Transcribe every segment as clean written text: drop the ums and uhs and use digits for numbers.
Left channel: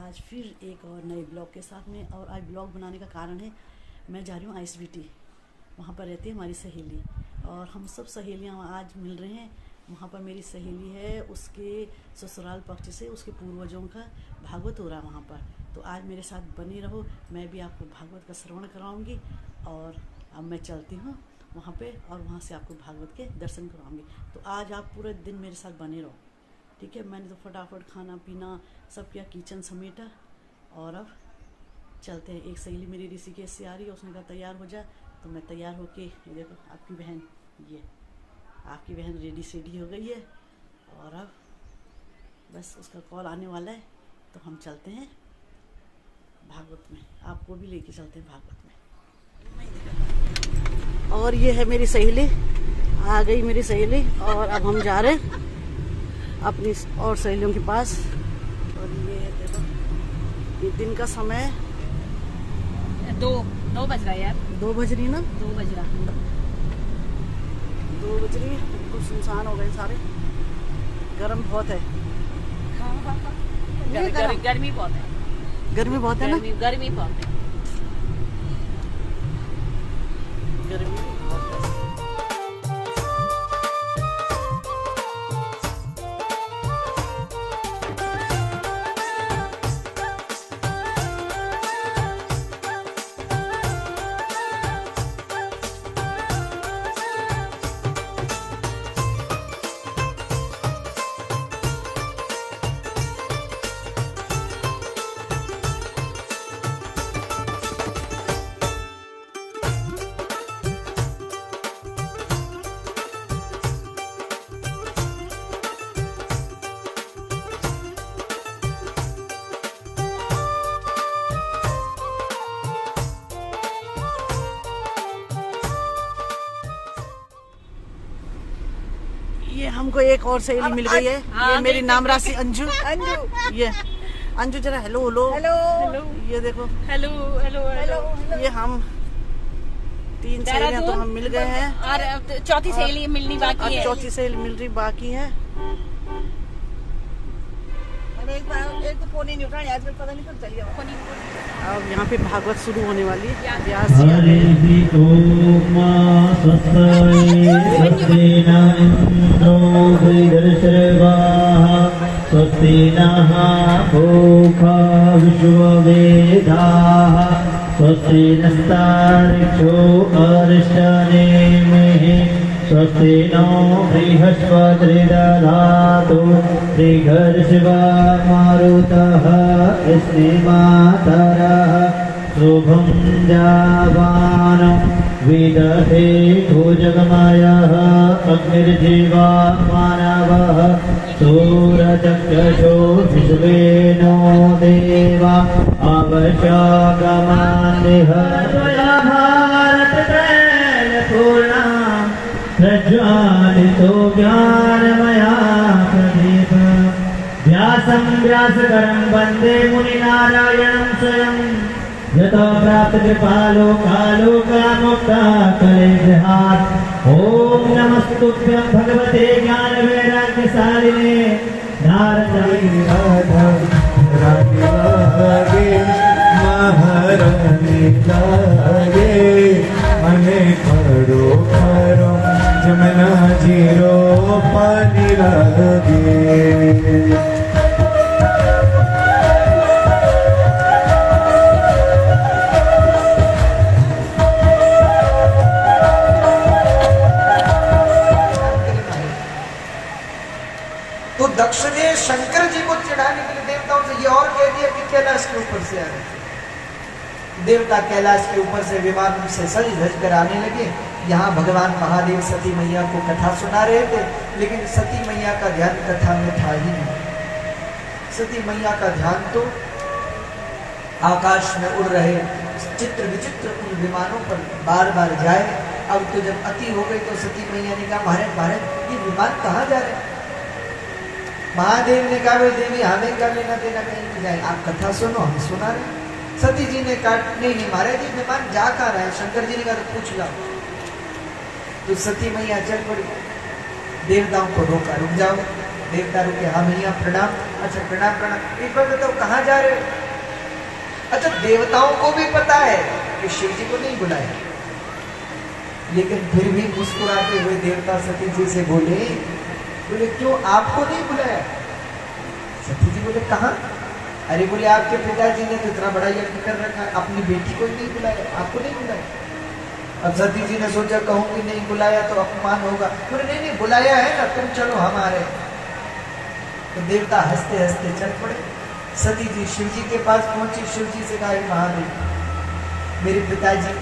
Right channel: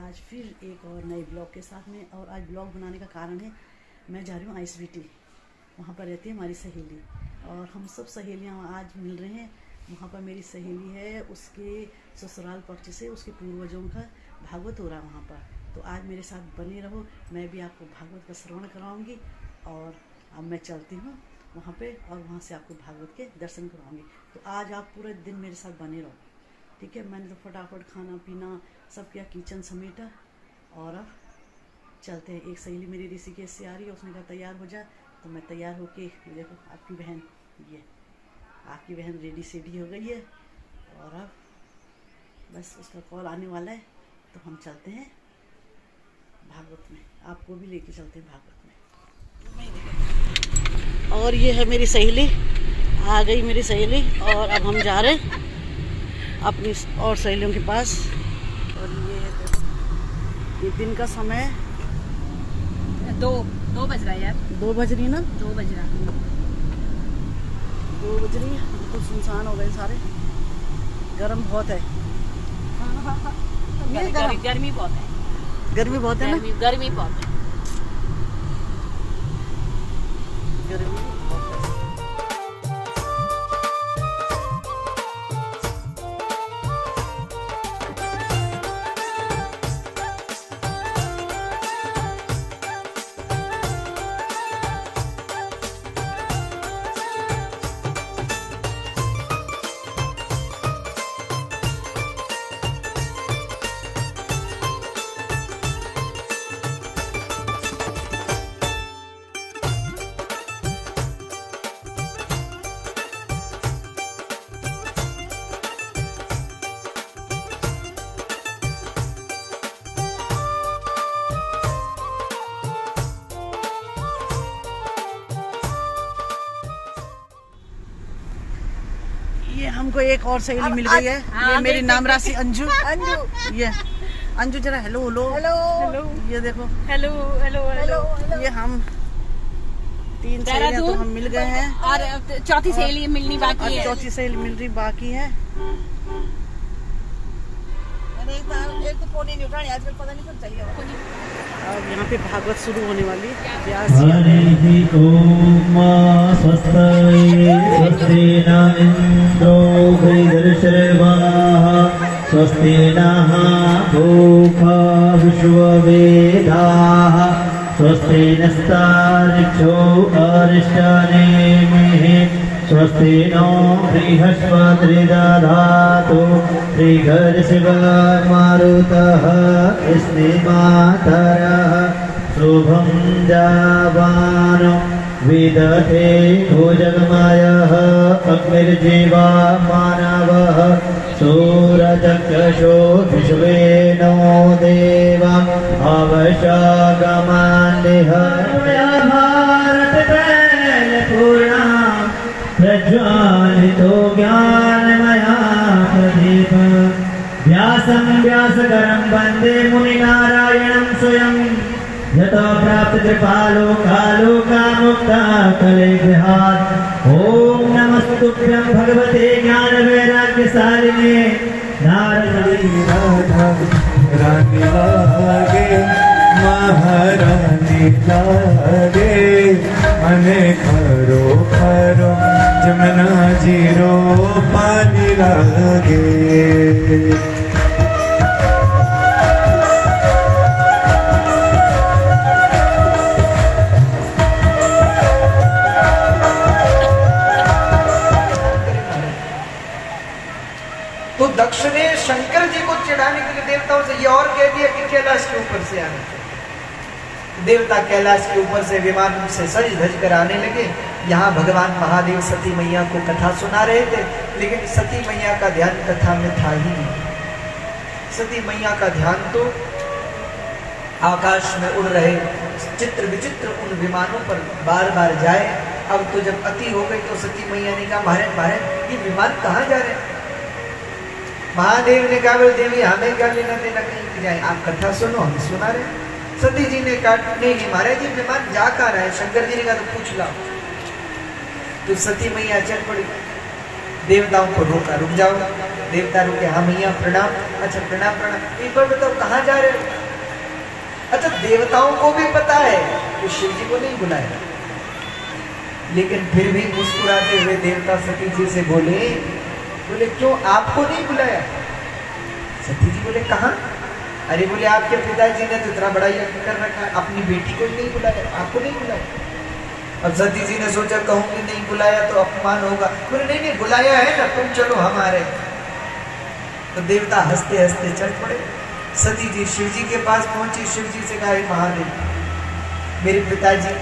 आज फिर एक और नए ब्लॉग के साथ में। और आज ब्लॉग बनाने का कारण है, मैं जा रही हूँ ISBT। वहाँ पर रहती है हमारी सहेली और हम सब सहेलियाँ आज मिल रहे हैं। वहाँ पर मेरी सहेली है, उसके ससुराल पक्ष से उसके पूर्वजों का भागवत हो रहा है वहाँ पर। तो आज मेरे साथ बने रहो, मैं भी आपको भागवत का श्रवण कराऊंगी। और अब मैं चलती हूँ वहाँ पे और वहाँ से आपको भागवत के दर्शन कराऊंगी। तो आज आप पूरे दिन मेरे साथ बने रहो, ठीक है। मैंने तो फटाफट खाना पीना सब किया, किचन समेटा और अब चलते हैं। एक सहेली मेरी ऋषिकेश से आ रही है, उसने कहा तैयार हो जा, तो मैं तैयार होके, देखो आपकी बहन, ये आपकी बहन रेडी सेडी हो गई है। और अब बस उसका कॉल आने वाला है, तो हम चलते हैं भागवत में। आपको भी लेके चलते हैं भागवत में। और ये है मेरी सहेली, आ गई मेरी सहेली। और अब हम जा रहे हैं अपनी और सहेलियों के पास। और ये है देखो, ये दिन का समय है, 2 बज रहा है यार, 2 बज रही ना, 2 बज रहा है, 2 बज रही है। बिल्कुल सुनसान हो गए सारे, गर्म बहुत है। गर्मी बहुत है, गर्मी बहुत है ना, गर्मी बहुत है, गर्मी बहुत है। ये हमको एक और सहेली मिल गई है। ये मेरी नाम राशि अंजू। ये अंजू जरा हेलो हेलो हेलो। ये देखो हेलो हेलो हेलो। ये हम 3 सहेलियां तो हम मिल गए हैं और चौथी सहेली मिलनी बाकी है। चौथी सहेली मिल रही बाकी है। एक तो फोन ही नहीं उठा रही आजकल, पता नहीं कब चल गया। अब यहाँ पे भागवत शुरू होने वाली है। व्यास जी आ गए। स्वस्ति नः पूषा विश्ववेदाः स्वस्ति नस्तार्क्ष्यो अरिष्टनेमिः स्वस्ति नो बृहस्पतिर्दधातु श्रीघर्षिवामारुतः स्नेमातरः शुभं जावानं विदधे भुजगमयः अग्निर्जीवा मानवः सूरचक्षुषो विश्वेनो देवा अवशागमान्यः भारततैलपूर्णा प्रज्वालितो ज्ञानमया प्रदीप व्यासं व्यासकरं वन्दे मुनिनारायणं स्वयं यतो प्राप्त कृपालो कालो कामुक्ता कलेभ्यात्। ओम नमस्तुभ्यं भगवते ज्ञान वैराग्य शालिने नारदी राधव रानी लागे महारानी लागे मने खरो खरो जमुना जीरो पानी लागे। तो दक्ष ने शंकर जी को चिढ़ाने के लिए देवताओं से ये और कह दिया कि कैलाश के ऊपर से आने। देवता कैलाश के ऊपर से विमान से सज धज कर आने लगे। यहाँ भगवान महादेव सती मैया को कथा सुना रहे थे, लेकिन सती मैया का ध्यान कथा में था ही नहीं। सती मैया का ध्यान तो आकाश में उड़ रहे चित्र विचित्र उन विमानों पर बार बार जाए। अब तो जब अति हो गई तो सती मैया ने कहा महाराज महाराज ये विमान कहाँ जा रहे हैं। महादेव ने कहा देवी हमें क्या लेना देना कहीं जाए, आप कथा सुनो, हम सुना रहे। सती जी ने कहा नहीं नहीं महाराज ये विमान जा कहाँ रहा है। शंकर जी ने कहा तो पूछ लाओ। तो सती मैया चल पड़ी, देवताओं को रोका, रुक जाओ। देवता रुके, हाँ मैया प्रणाम। अच्छा प्रणाम प्रणाम। एक बार बताओ कहाँ जा रहे? अच्छा देवताओं को भी पता है कि शिव जी को नहीं बुलाया, लेकिन फिर भी मुस्कुराते हुए देवता सती जी से बोले क्यों आपको नहीं बुलाया? सती जी बोले कहाँ? अरे बोले आपके पिताजी ने तो इतना बड़ा यज्ञ कर रखा है, अपनी बेटी को ही नहीं बुलाया, आपको नहीं बुलाया। अब सती जी ने सोचा कहूंगी नहीं बुलाया तो अपमान होगा। बोले नहीं नहीं बुलाया है ना, तुम चलो हमारे। तो देवता हंसते हंसते चल पड़े। सती जी शिव जी के पास पहुंची, शिव जी से कहा महादेव मेरे पिताजी,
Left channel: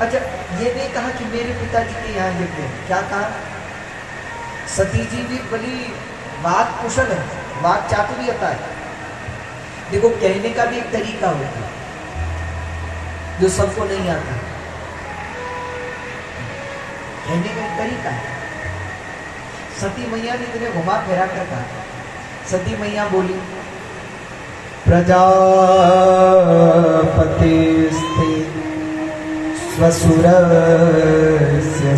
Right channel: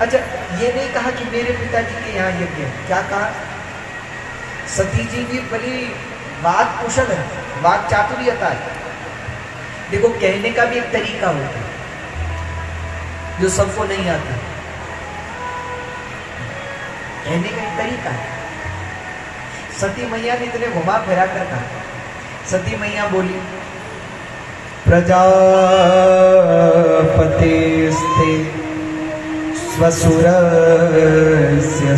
अच्छा ये नहीं कहा कि मेरे पिताजी के यहाँ यज्ञ है, क्या कहा? सती जी भी बड़ी वाक कुशल है, वाक चातुर्यता है। देखो कहने का भी एक तरीका होता है जो सबको नहीं आता, कहने का एक तरीका है। सती मैया ने इतने घुमा फिरा कर कहा। सती मैया बोली प्रजापतेस्ते स्वसुरस्य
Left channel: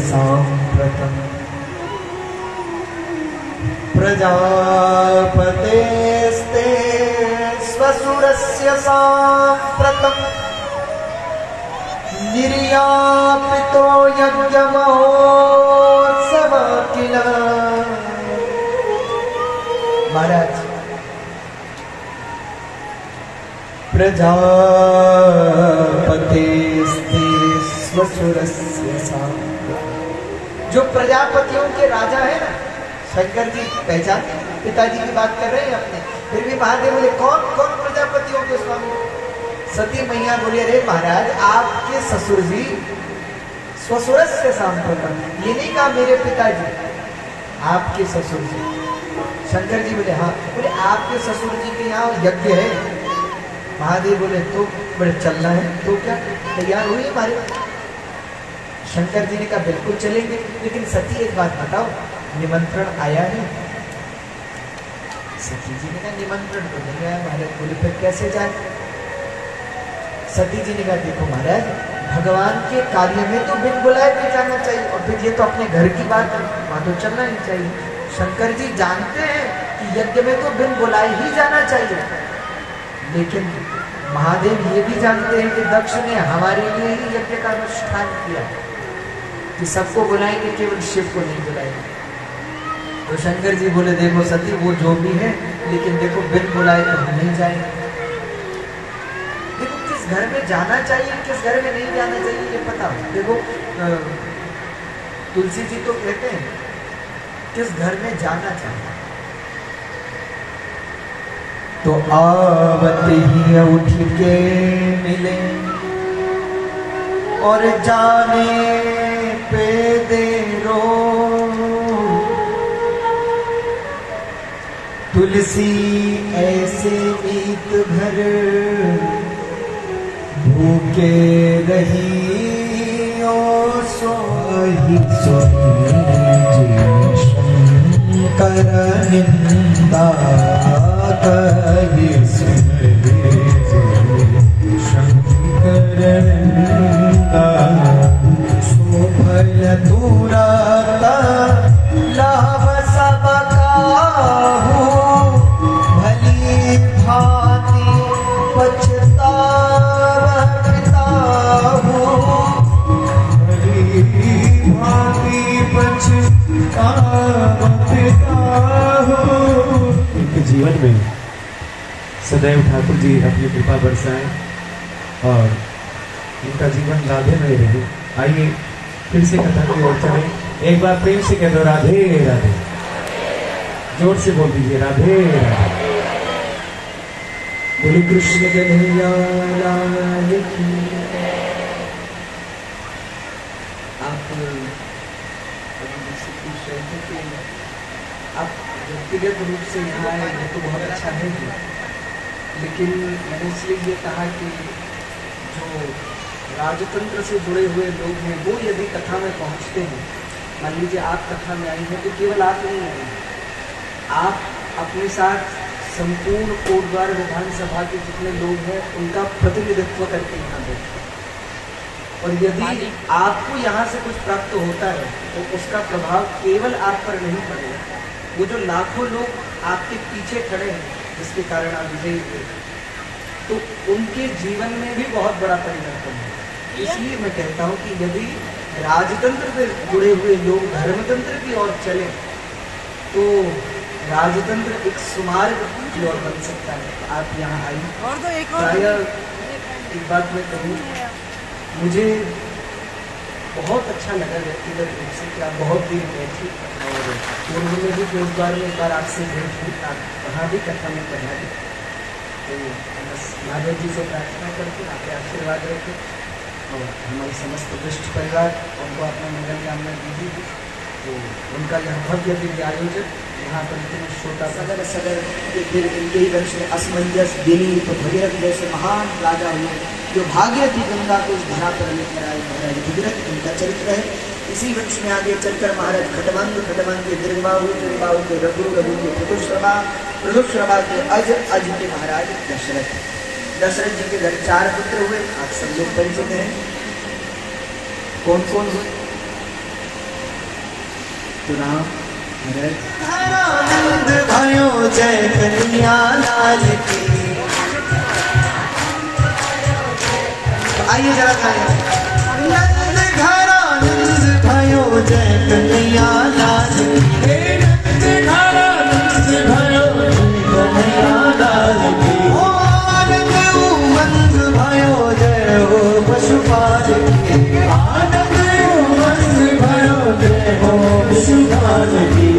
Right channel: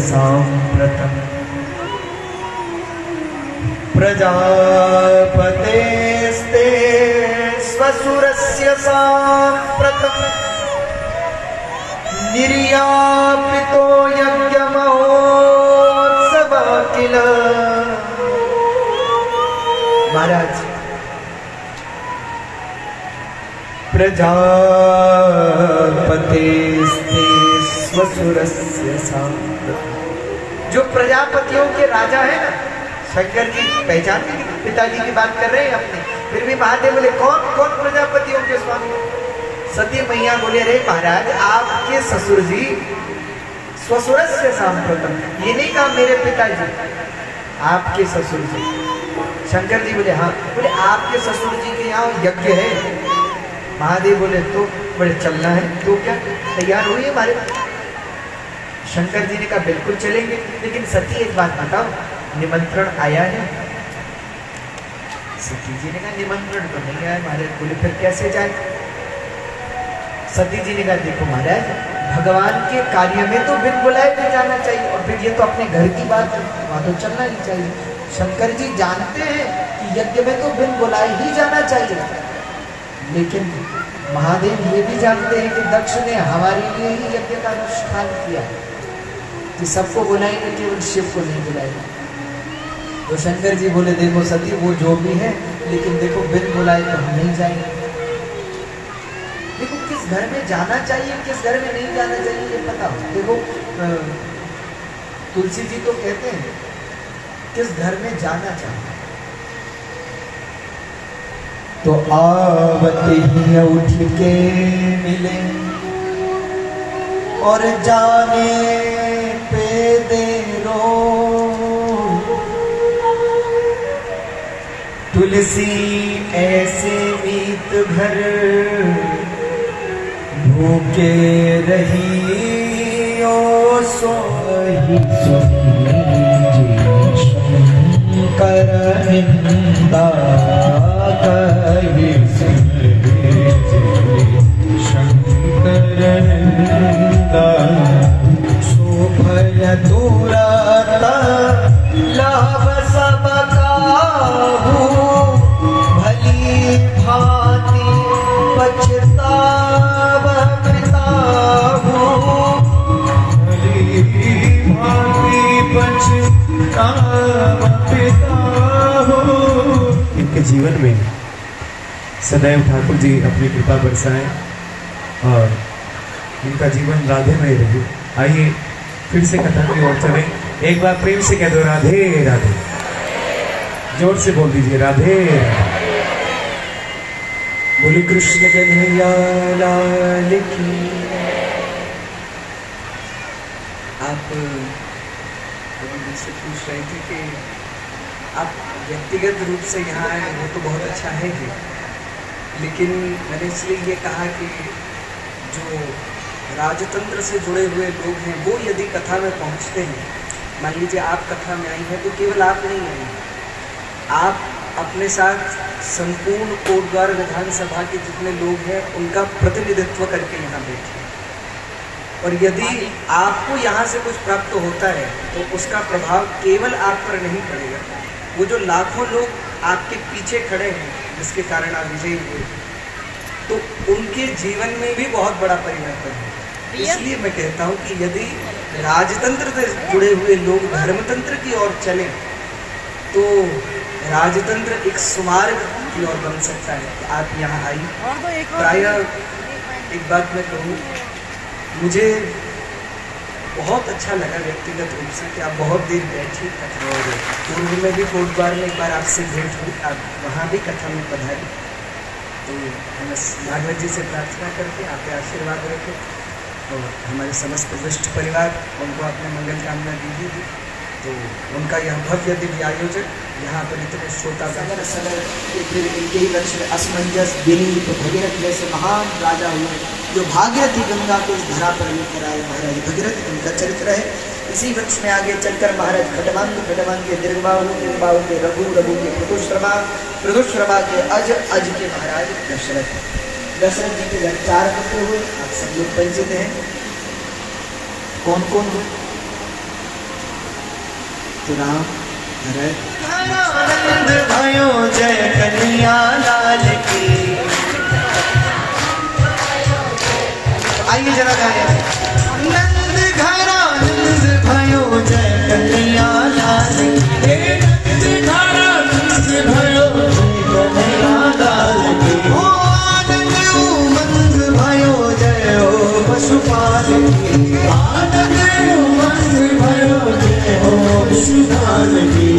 साम्प्रतम् प्रजापतेस्ते स्वसुरस्य साम्प्रतम् निर्यापितो यज्ञमहोत्सव किल। महाराज प्रजापतेस्ते स्वसुरस्य साम्प्रतम्, जो प्रजापतियों के राजा है ना, शंकर जी पहचान के पिताजी की बात कर रहे हैं अपने, फिर भी महादेव बोले कौन कौन प्रजापतियों के स्वामी? सती मैया बोले रे महाराज आपके ससुर जी स्वसुरस्य साम्प्रतम्, ये नहीं कहा मेरे पिताजी, आपके ससुर जी। शंकर जी बोले हाँ। बोले आपके ससुर जी के यहाँ यज्ञ है? महादेव बोले तो बोले चलना है तो क्या तैयार हुई हमारे? शंकर जी ने कहा बिल्कुल चलेंगे, लेकिन सती एक बात बताओ निमंत्रण आया है? सती जी ने कहा निमंत्रण तो नहीं आया महाराज। बोले फिर कैसे जाए? सती जी ने कहा देखो महाराज भगवान के कार्य में तो बिन बुलाए तो जाना चाहिए, और फिर ये तो अपने घर की बात है, वहां तो चलना ही चाहिए। शंकर जी जानते हैं कि यज्ञ में तो बिन बुलाए ही जाना चाहिए, लेकिन महादेव ये भी जानते हैं कि दक्ष ने हमारे लिए ही यज्ञ का अनुष्ठान किया कि सबको बुलाएंगे, केवल शिव को नहीं बुलाएंगे। तो शंकर जी बोले देखो सती वो जो भी है, लेकिन देखो बिन बुलाए तो हम नहीं जाएंगे। देखो किस घर में जाना चाहिए किस घर में नहीं जाना चाहिए ये पता हो। देखो तुलसी जी तो कहते हैं किस घर में जाना चाहिए। तो आवत ही उठ के मिले और जाने पे देरो, तुलसी ऐसे मीत भर भूखे रही ओ सोही शंकर निंदा कही शंकर निंदा शोभय दूरता लाभ सब काहू भली भांति पछतावता हूँ, भली भांति पछतावता हूँ। इनके जीवन में सदैव ठाकुर जी अपनी कृपा बरसाएं और इनका जीवन राधे में रहे। आइए फिर से कथा की ओर चले। एक बार प्रेम से कह दो राधे राधे, जोर से बोल दीजिए राधे राधे। बोली कृष्ण कन्हैया लाल की। आप से पूछ रहे थे कि आप व्यक्तिगत रूप से यहाँ आए वो तो बहुत अच्छा है ही, लेकिन मैंने इसलिए ये कहा कि जो राजतंत्र से जुड़े हुए लोग हैं वो यदि कथा में पहुँचते हैं, मान लीजिए आप कथा में आई हैं तो केवल आप नहीं आई हैं, आप अपने साथ संपूर्ण कोटद्वार विधानसभा के जितने लोग हैं उनका प्रतिनिधित्व करके यहाँ बैठे। और यदि आपको यहाँ से कुछ प्राप्त होता है तो उसका प्रभाव केवल आप पर नहीं पड़ेगा, वो जो लाखों लोग आपके पीछे खड़े हैं जिसके कारण आप विजयी हुए, तो उनके जीवन में भी बहुत बड़ा परिवर्तन है। इसलिए मैं कहता हूँ कि यदि राजतंत्र से जुड़े हुए लोग धर्मतंत्र की ओर चले तो राजतंत्र एक सुमार्ग की ओर बन सकता है। तो आप यहाँ आई प्रायः एक बात मैं कहूँ, मुझे बहुत अच्छा लगा व्यक्तिगत रूप से कि आप बहुत देर बैठी और पूर्व में भी बहुत बार में एक बार आपसे भेंट हुई, आप वहाँ भी कथा में पधारी। तो बस माधव जी से प्रार्थना करके आपके आशीर्वाद रखे और हमारे समस्त दुष्ट परिवार उनको अपने मंगल कामना दी थी। तो उनका यह भव्य दिव्य आयोजन यहाँ पर इतने श्रोता सगर सगर फिर इनके ही वंश में असमंजस दिलीप भगीरथ जैसे महान राजा हुए जो भागीरथी गंगा को इस धरा पर लेकर आए। महाराज भगीरथ उनका चरित्र है। इसी वंश में आगे चलकर महाराज खटमंग के दीर्घबाहु के रघु के पृथुश्रवा के अज के महाराज दशरथ जी के जब 4 पुत्र हुए, आप सब लोग परिचित हैं। कौन कौन हुए? तो राम आनंद भयो जय कन्हैया लाल की। आइए जरा गाएं। नंद घर आनंद भयो जय कन्हैया लाल की। नंद घर आनंद भयो जय कन्हैया लाल की। ओ आनंद उमंग भयो जय हो पशुपाल की। आनंद उमंग भयो जय हो पशुपाल की।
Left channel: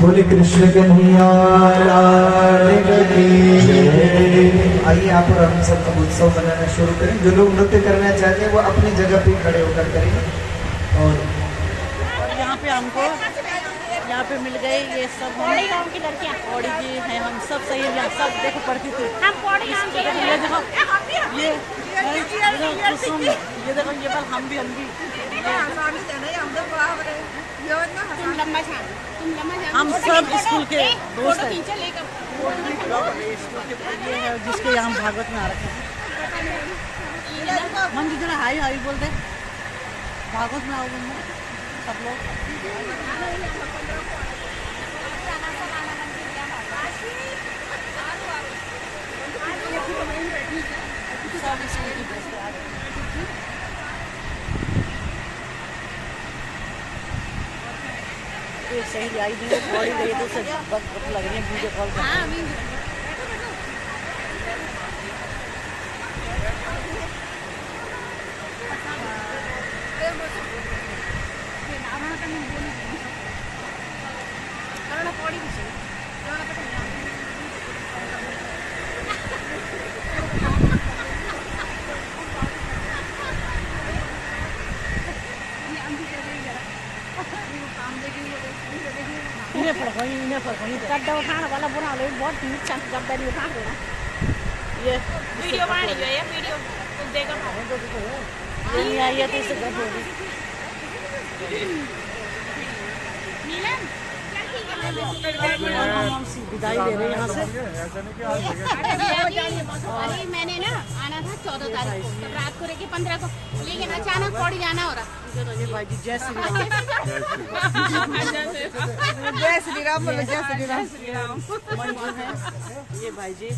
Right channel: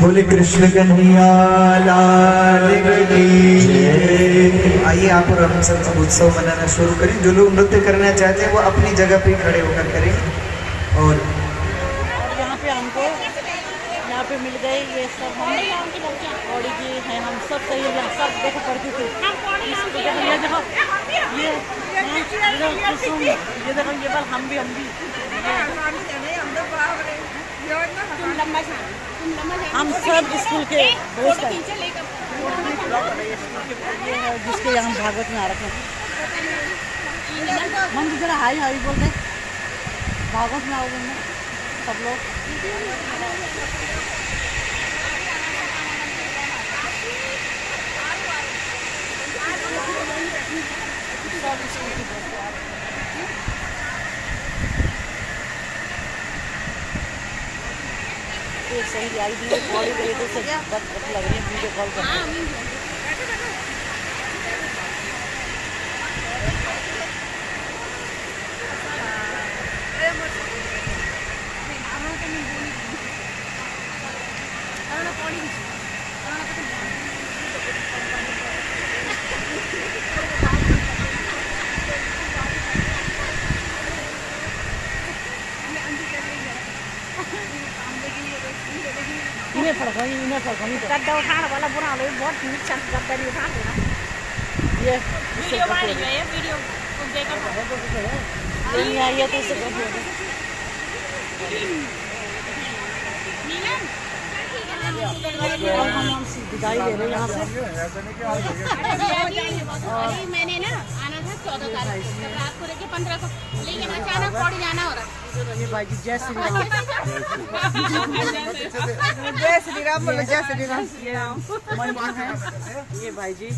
बोले कृष्ण कन्हैया लाल की। आइए आप और हम सब उत्सव मनाना शुरू करें। जो लोग नृत्य करना चाहते हैं वो अपनी जगह पे खड़े होकर करें। और यहाँ पे हमको यहाँ पे मिल गए ये सब, हम औड़ी जी हैं, हम सब सही है। यहाँ सब देखो पढ़ती थी, ये देखो ये देखो ये बार हम भी हम सब स्कूल के दोस्त हैं। ये है जिसके यहाँ भागवत में आ रखे हैं। मन जरा हाई हाई बोल रहे भागवत में आओगे ना सब लोग। एक सही आई दी बॉडी गई तो उससे बस लग रही है वीडियो कॉल करना। इन्हें फड़कोनी गड्ढा उठाने वाला बुरा ले बहुत नीचे गड्ढा नहीं उठा देना। ये वीडियो नहीं आ गया तो इससे गड्ढा हो गया। और हम विदाई ले रहे हैं यहाँ से। अरे मैंने ना आना था 14 तारीख को, रात को लेके 15 को, लेकिन अचानक पौड़ी जाना हो रहा। भाई जी जय श्री राम। जय श्री राम बोलो, जय श्री राम। ये भाई जी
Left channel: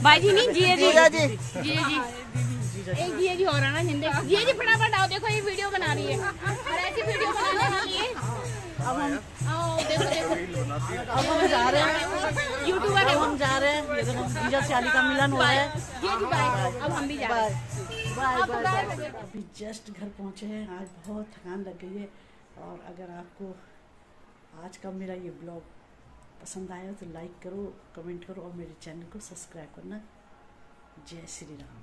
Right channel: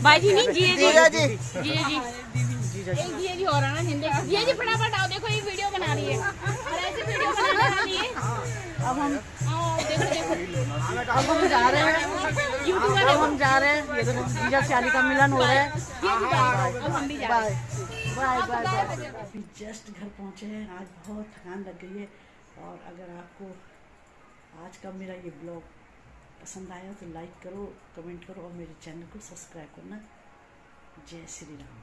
भाई जी नहीं जी जीजा जी। जी एक ये जी हो रहा ना हिंदी, ये जी फटाफट आओ, देखो ये वीडियो बना रही है और ऐसी वीडियो बनाने वाली है। अब हम देखो जा रहे हैं, यूट्यूबर है, हम जा रहे हैं। ये देखो जीजा सयाली का मिलन हो रहा है। अब हम भी जा रहे हैं। बाय। अभी जस्ट घर पहुंचे हैं। आज बहुत थकान लग गई है। और अगर आपको आज का मेरा ये ब्लॉग पसंद आया तो लाइक करो, कमेंट करो और मेरे चैनल को सब्सक्राइब करना। जय श्री राम।